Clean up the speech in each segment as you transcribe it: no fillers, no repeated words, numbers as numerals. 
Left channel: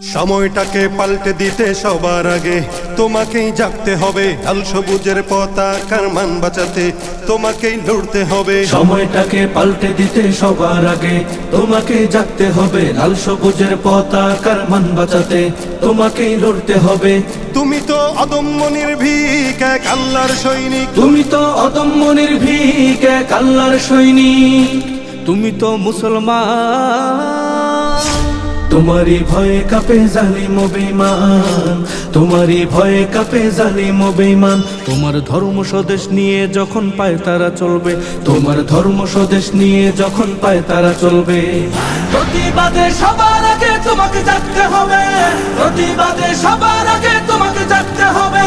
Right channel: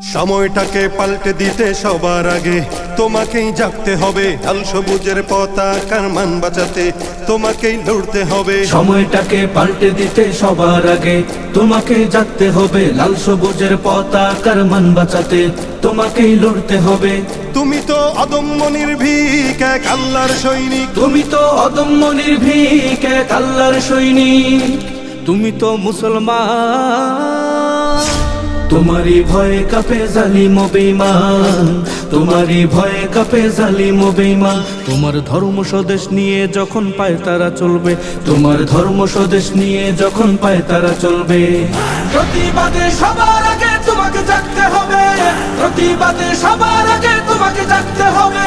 সময়টাকে পাল্টে দিতে সবার আগে তোমাকেই জাগতে হবে। লাল সবুজের পতাকার মান বাঁচাতে তোমাকেই লড়তে হবে। সময়টাকে পাল্টে দিতে সবার আগে তোমাকেই জাগতে হবে। লাল সবুজের পতাকার মান বাঁচাতে তোমাকেই লড়তে হবে। তুমি তো অদম্য নির্ভীক এক আল্লাহর সৈনিক। তুমি তো অদম্য নির্ভীক এক আল্লাহর সৈনিক। তুমি তো মুসলমান। তোমারই ভয়ে কাঁপে জালিম ও বেঈমান। তোমারই ভয়ে কাঁপে জালিম ও বেঈমান। তোমার ধর্ম স্বদেশ নিয়ে যখন পায় তারা চলবে। তোমার ধর্ম স্বদেশ নিয়ে যখন পায় তারা চলবে। প্রতিবাদে সবার আগে তোমাকে জাগতে হবে। প্রতিবাদে সবার আগে তোমাকে জাগতে হবে।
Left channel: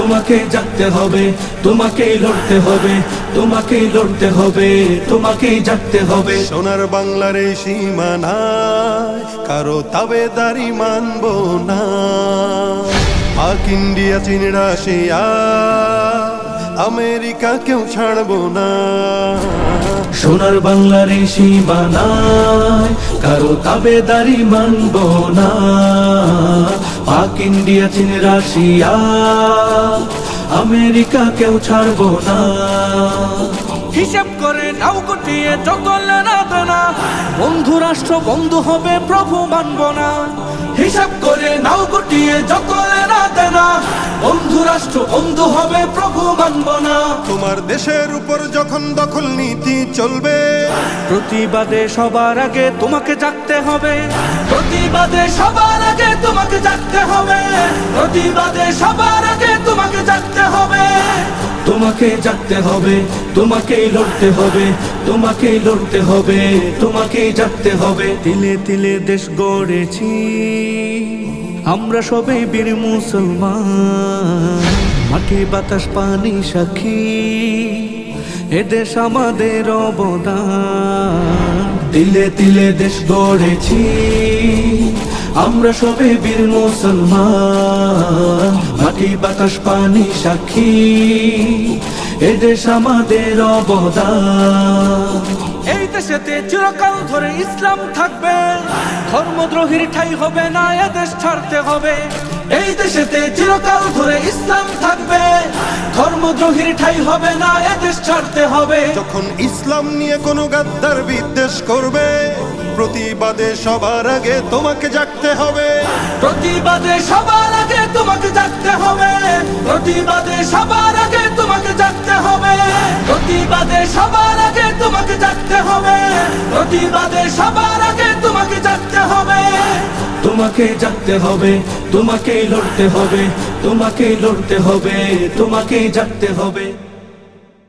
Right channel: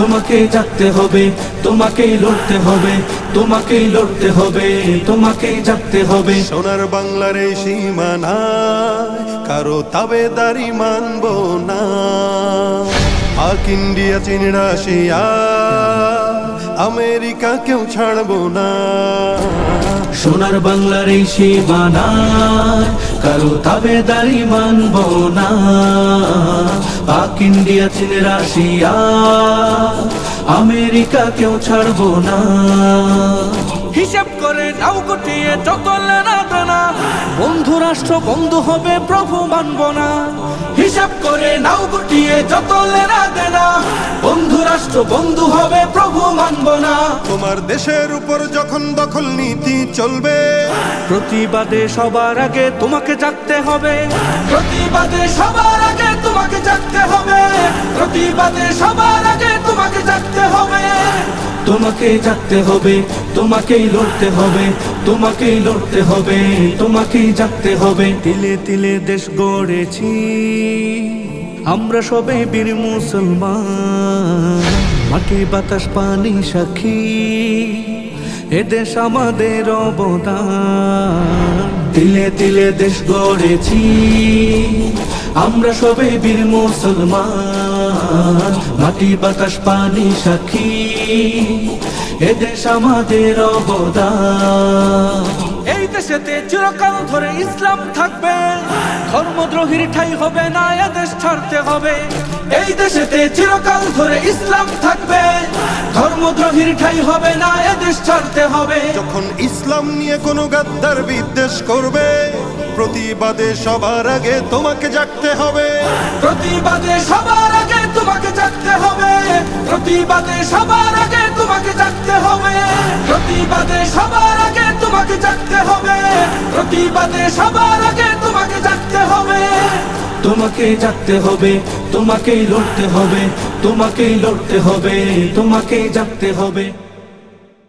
তোমাকে জাগতে হবে, তোমাকেই লড়তে হবে, তোমাকেই লড়তে হবে, তোমাকেই জাগতে হবে। সোনার বাংলার এই সীমানায় কারো তাবেদারি মানব না। পাক ইন্ডিয়া চীন রাশিয়া আমেরিকা কেউ ছাড়বো না। সোনার বাংলার এই সীমানায় কারো তাবেদারি মানব না। পাক ইন্ডিয়া চীন রাশিয়া আমেরিকা কেউ ছাড়বো না। হিসাব করে নাও গুটিয়ে যত লেনা দেনা, বন্ধু রাষ্ট্র বন্ধু হবে প্রভু মানব না। হিসাব করে নাও গুটিয়ে যত লেনা দেনা, বন্ধু রাষ্ট্র বন্ধু হবে প্রভু মানব না। তোমার দেশের উপর যখন দখল নীতি চলবে, প্রতিবাদে সবার আগে তোমাকে জাগতে হবে। প্রতিবাদে সবার আগে তোমাকে জাগতে হবে। প্রতিবাদে সবার আগে তোমাকে জাগতে হবে। তোমাকে জাগতে হবে, তোমাকেই লড়তে হবে, তোমাকেই লড়তে হবে, তোমাকেই জাগতে হবে। তিলে তিলে দেশ গড়েছি আমরা সবে বীর মুসলমান। মাটি বাতাস পানি সাক্ষী এদেশ আমাদের অবদান। তিলে তিলে দেশ গড়েছি আমরা সবে বীর মুসলমান। মাটি বাতাস পানি সাক্ষী এদেশ আমাদের অবদান। এই দেশেতে চিরকাল ধরে ইসলাম থাকবে। ধর্মদ্রোহীর ঠাঁই হবে না, এদেশ ছাড়তে হবে। এই দেশেতে চিরকাল ধরে ইসলাম থাকবে। ধর্মদ্রোহীর ঠাঁই হবে না, এদেশ ছাড়তে হবে। যখন ইসলাম নিয়ে কোনো গাদ্দার বিদ্বেষ করবে, প্রতিবাদে সবার আগে তোমাকে জাগতে হবে। প্রতিবাদে সবার আগে তোমাকে জাগতে হবে। প্রতিবাদে সবার আগে তোমাকে জাগতে হবে। প্রতিবাদে সবার আগে তোমাকে জাগতে হবে। প্রতিবাদে সবার আগে তোমাকে জাগতে হবে। তোমাকে জাগতে হবে, তোমাকেই লড়তে হবে, তোমাকেই লড়তে হবে, তোমাকেই জাগতে হবে।